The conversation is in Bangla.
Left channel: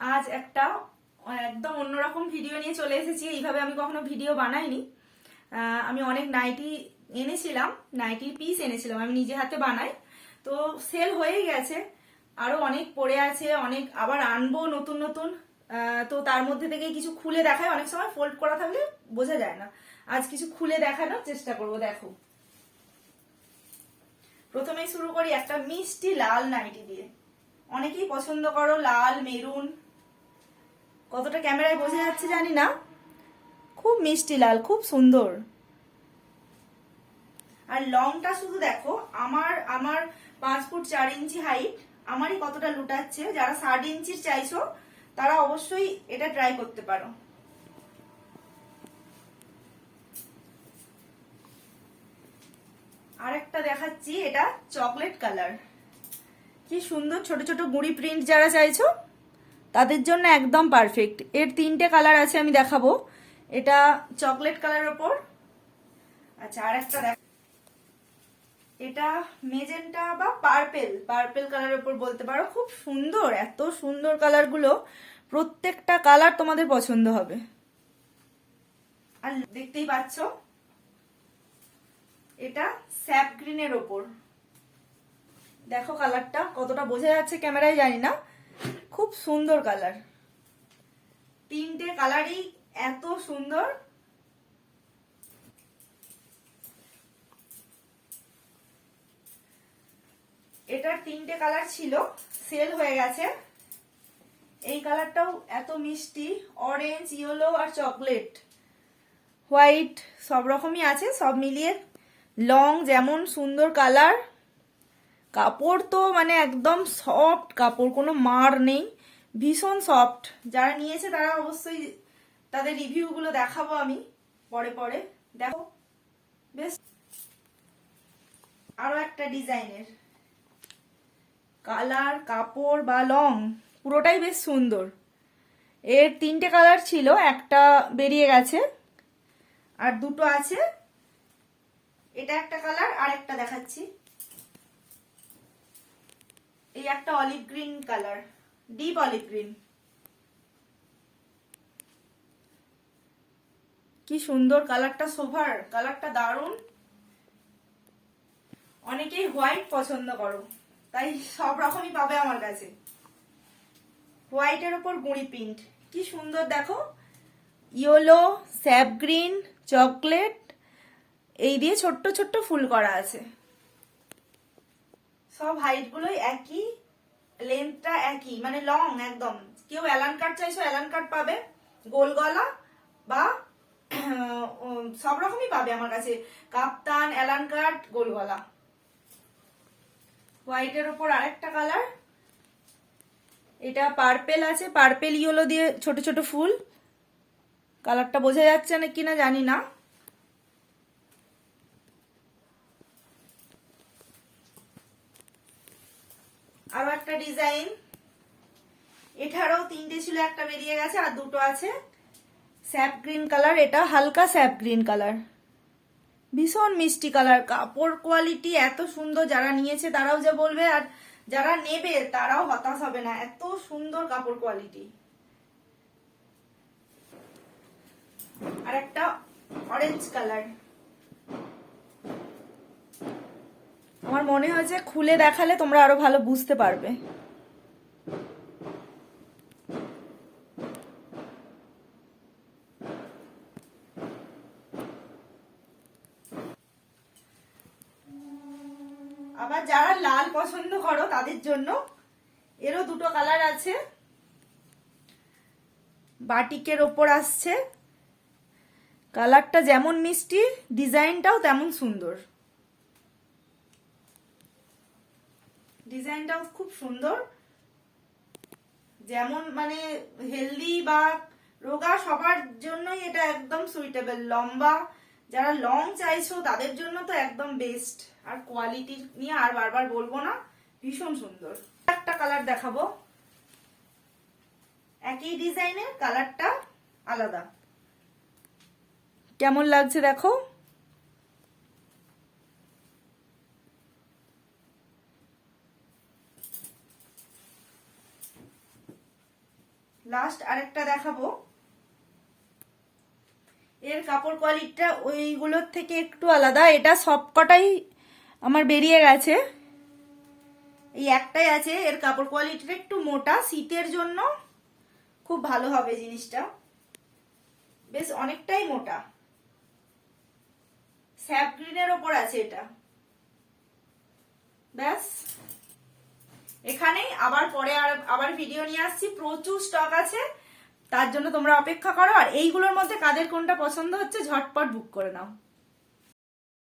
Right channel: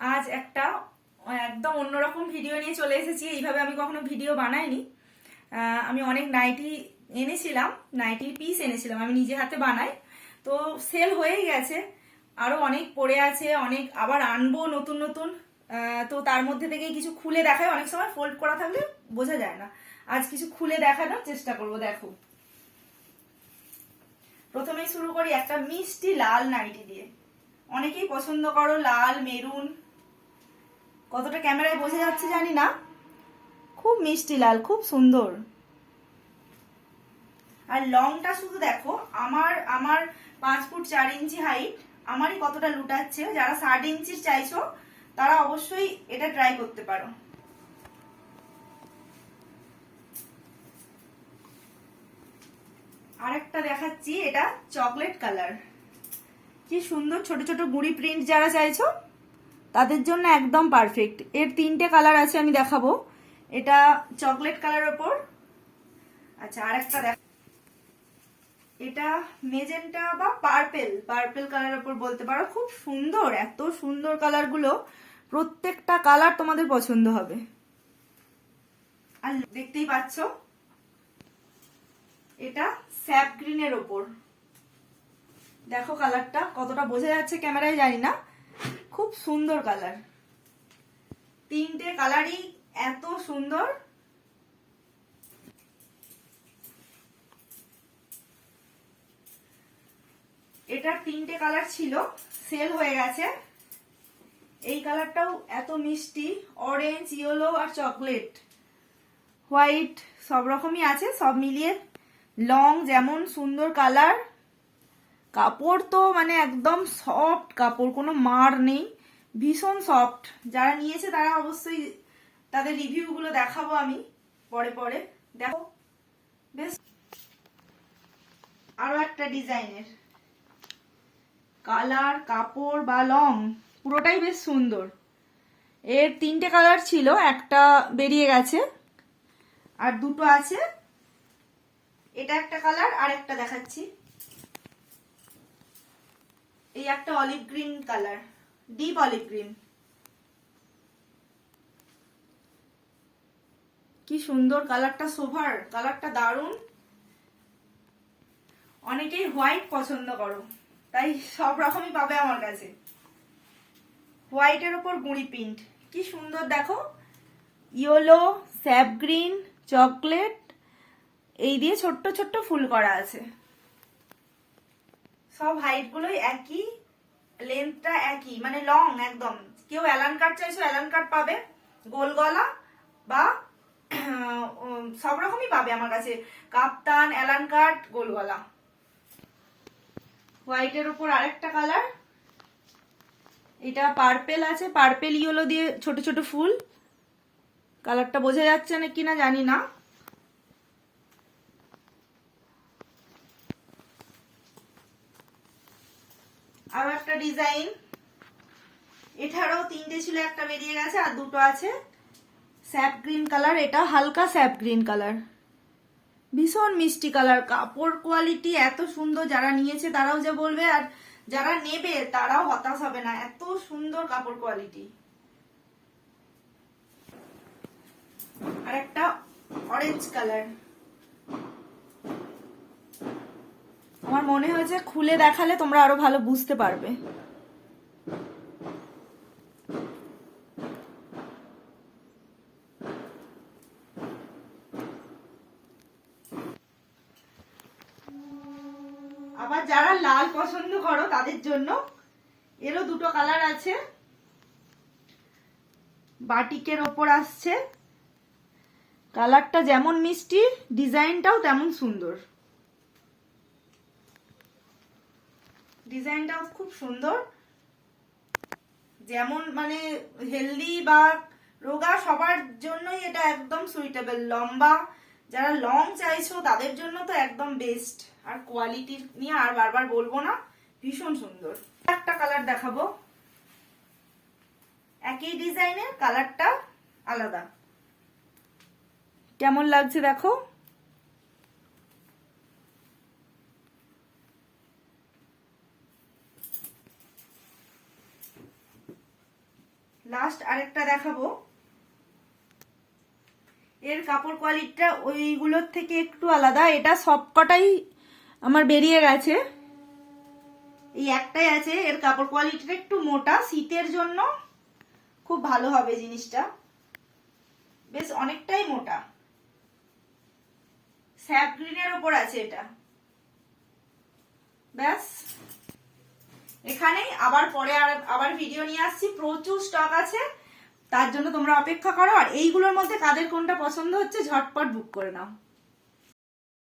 আজ একটা একদম অন্যরকম ভিডিও নিয়ে চলে এসেছি। এইভাবে আমি কখনো ভিডিও বানাইনি। আমি অনেক নাইটি এনেছিলাম, নাইটির পিস এনেছিলাম, আমি নিজে হাতে বানাই। তো সেল হয়েই গেছে, আরো অনেক পড়ে আছে, অনেক আবার আনবো নতুন নতুন। তো তার মধ্যে থেকে কিছু খুলে দেখায়, অনেক সময় ফোল্ড করা থাকলে বোঝা যায় না। আজ কিছু খুলে দেখানোর চেষ্টা করবো। দেখো, প্রথমেই শুরু করি একটা মিষ্টি লাল নাইটি দিয়ে। অনেকেই পছন্দ করো লাল মেরুন, কতটা ক্যামেরায় বোঝা যাচ্ছে জানি না, খুব মিষ্টি লাল, খুব সুন্দর। আর লংটা শুধু দেখো, আমার আমার 5 ফুট 4 ইঞ্চি হাইট, আমারই কতটা লুটাচ্ছে। যারা 60 ইঞ্চির চাইছো তারা অবশ্যই এটা ট্রাই করতে পারো। আরেকটা দেখাচ্ছি, এটা চকলেট কালার, কি সুন্দর। ছোট ছোট বুড়ি প্রিন্ট যারা চাইছো তাদের জন্য একদম পারফেক্ট। এর 3টে কালার আছে, আমি দেখাবো। এটা চকলেট কালার ওপর। আচ্ছা, আরেকটা দেখ, এটা মেজেন্টা বা পার্পেল, পার্পেল কালারের উপর বলতে পারো। খুব সুন্দর, এত সুন্দর কালার গুলো, প্রত্যেকটা কালার তোমাদের পছন্দ হবে। আর দেখতেই পাচ্ছ, এটা স্যাপ গ্রিনের ওপর। দেখো কালারটা কতটা বোঝা যাচ্ছে ক্যামেরায় জানি না, খুব সুন্দর কালার। 3টে কালারই এত সুন্দর। এটার 3টে কালার ছিল, সেল হয়ে গেছে। এই কালারটাও এত মিষ্টি, অরেঞ্জ, ইয়েলো আর চকলেট, হোয়াইট, সব রকমই আছে। সব মিলিয়ে লং যেমন সুন্দর কালার, কাপড় তো মানে একদম সফট কাপড়, কোনো মার নেই, ভীষণ সফট। যারা নিয়েছে তারা অবশ্যই তাদের রিভিউ গুলো দেখাবো আমি পরে পরে। দেখো, বেশ আরো একটা ডিজাইনের কালার, কাপড় বা লং পুরোটাই বেশ সুন্দর। এর 3টে কালার ছিল, একটা বেরিয়ে গেছে আর দুটো আছে। এটা একটা কালার, আর একটা দেখাচ্ছি। এই একটা olive green colour, deep olive green, কি সুন্দর কালারটা, সোভার কালারটা দারুণ। অনেকেই হোয়াইট পছন্দ করো, তাই সব রকমই পাবে আমার কাছে। হোয়াইটের ওপর গুঁড়ি প্রিন্ট, কি সুন্দর। দেখো, ইয়েলো, স্যাপ গ্রিন, চকলেট, এই দিয়ে ছোট্ট ছোট্ট ফুল করা আছে। সব হাইট গুলোই একই, লেন্থটা একই, মানে লং একদম। কেউ অ্যালান কাট চাইছো অ্যালান কাট পাবে, গোল গলা বা সব রকমই পাবে আমার কাছে, কাপ্তান, অ্যালান কাট, গোল গলা। হোয়াইটের উপর আরেকটা কালার, এটা পার্পেল আছে, পার্পেল ইয়েলো দিয়ে ছোট ছোট ফুল। কালারটা বোঝা যাচ্ছে না কিনা জানি না। আরো একটা ডিজাইন, এটারও 3টে ছিল, একটা বেরিয়ে গেছে আর দুটো আছে। স্যাপ গ্রিন কালার, এটা হালকা স্যাপ গ্রিন কালার, ভীষণ মিষ্টি কালার। কাপড় কোয়ালিটি এত সুন্দর, যারা নিয়েছে তারাও যে বলবে, আর যারা নেবে তারাও হতাশ হবে না, এত সুন্দর কাপড় কোয়ালিটি। আর একটা অরেঞ্জ কালার, আমার মনে হয়েছে খুলে দেখালে তোমরা আরো ভালো বুঝতে পারবে। আবার যারা লাল পছন্দ করো তাদের জন্য এরও দুটো কালার আছে। বাটিকের ওপর আসছে, কালারটা যেমন মিষ্টি, ডিজাইনটাও তেমন সুন্দর। ডিজাইনটাও খুব সুন্দর, যেমন মানে হেলদি বা রোগা সবার জন্যই এটা একদম সুইটেবল। লম্বা, যারা লং চাইছো তাদের জন্য তো একদম বেস্ট। আর কোয়ালিটি নিয়ে আর বারবার বলবো না, ভীষণ সুন্দর। একটা কালার দেখাবো, একই ডিজাইনের, কালারটা আলাদা। কেমন লাগছে দেখো, লাস্ট আরেকটা দেখাবো, এর কাপড় কোয়ালিটিটা ওইগুলোর থেকে একটু আলাদা। এটা সবকটাই আমার বেরিয়ে গেছে, এই একটাই আছে। এর কাপড় কোয়ালিটিটা একটু মোটা, শীতের জন্য খুব ভালো হবে জিনিসটা, বেশ অনেকটাই মোটা। স্যাপ গ্রিনের ওপর আছে এটা। ব্যাস, এখানেই আবার পরে আবার ভিডিও নিয়ে আসছি, প্রচুর স্টক আছে, তার জন্য তোমরা অপেক্ষা করো। আর এইগুলোর মধ্যে কাদের কোনটা পছন্দ হচ্ছে ঝটপট বুক করে নাও।